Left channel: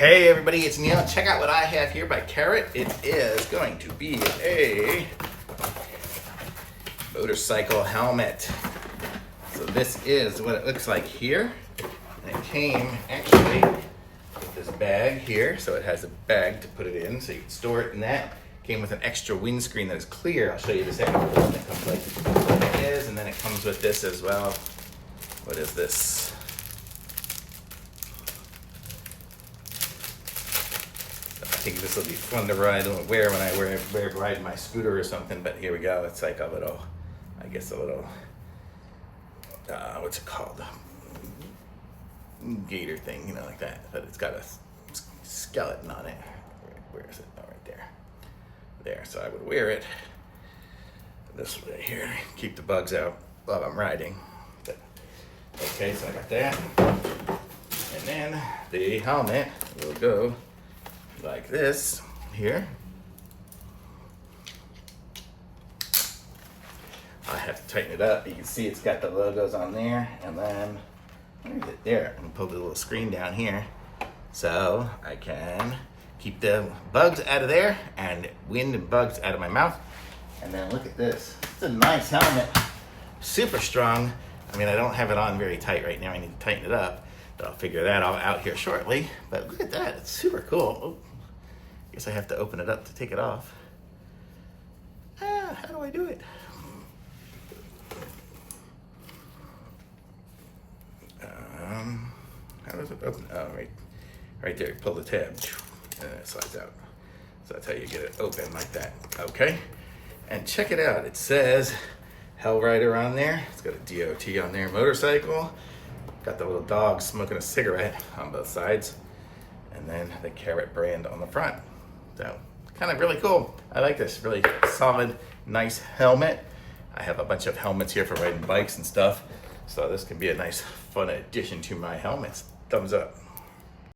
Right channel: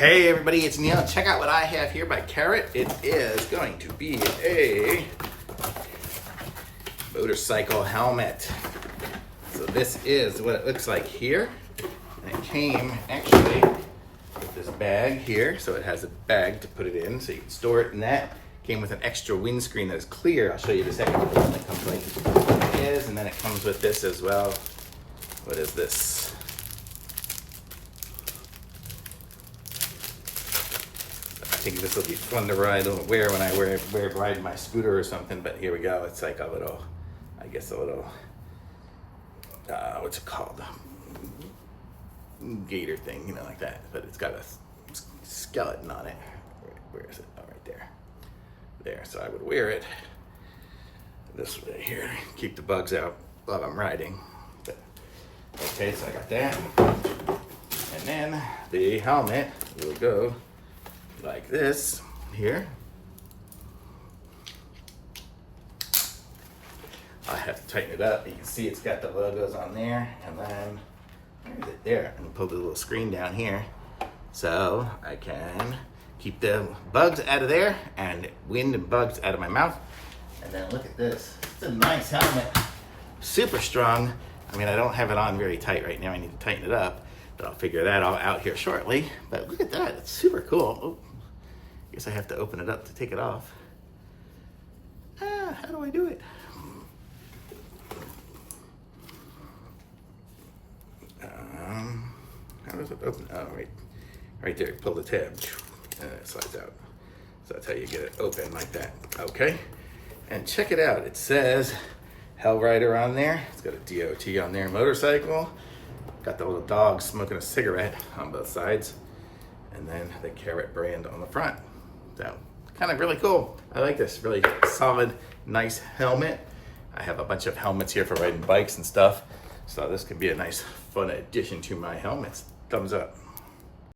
Hey everybody, it's Neil. Check out what I have here by Carrot. It is going to be a motorcycle helmet. So this is what it looks like here. And it came actually with this bag here. So it has a bag to put it in so you can store it in that. Came with an extra windscreen that is clear. I'll show you the second one that comes like it is. And then it comes with this as well. What is this? I think this will be fun to ride and wear when I ride my scooter or something, but here we go. It's like a little, I guess a little, what's it called? Gator thing, you know, like that. But it's got a skeleton on it. Where is it? Oh, right there. There, so I would wear it this way here. Keep the bugs out while I'm riding. But, okay, so I got that. And then the helmet will go like this here. I have to tighten it up. You can see it's got the logos on there, and then where is it? There. And pull the little screen down here so I can keep the bugs out of there and wind and bugs out of my mouth. And then look at this. It's a nice helmet. Super strong. I mean, I don't have it on very tight right now. I need to tighten it up, but I'll figure that all out here shortly. But look at that. It's super cool. Oh. Guess I have to open it up to take it off. How do I do it? How does it open? Oh, right there. Pull the tab, and it slides out. So that's how you get it open like that. Okay, and check it out. It says Hell Rider on there. It's got a DOT on there. Motorcycle. Got the little dog smoking a cigarette on both sides, and then the Carrot brand on the front. So kind of really cool. I like this really solid, nice helmet. I have a bunch of helmets here for riding bikes and stuff. So this could be a nice, fun addition to my helmets. Thumbs up.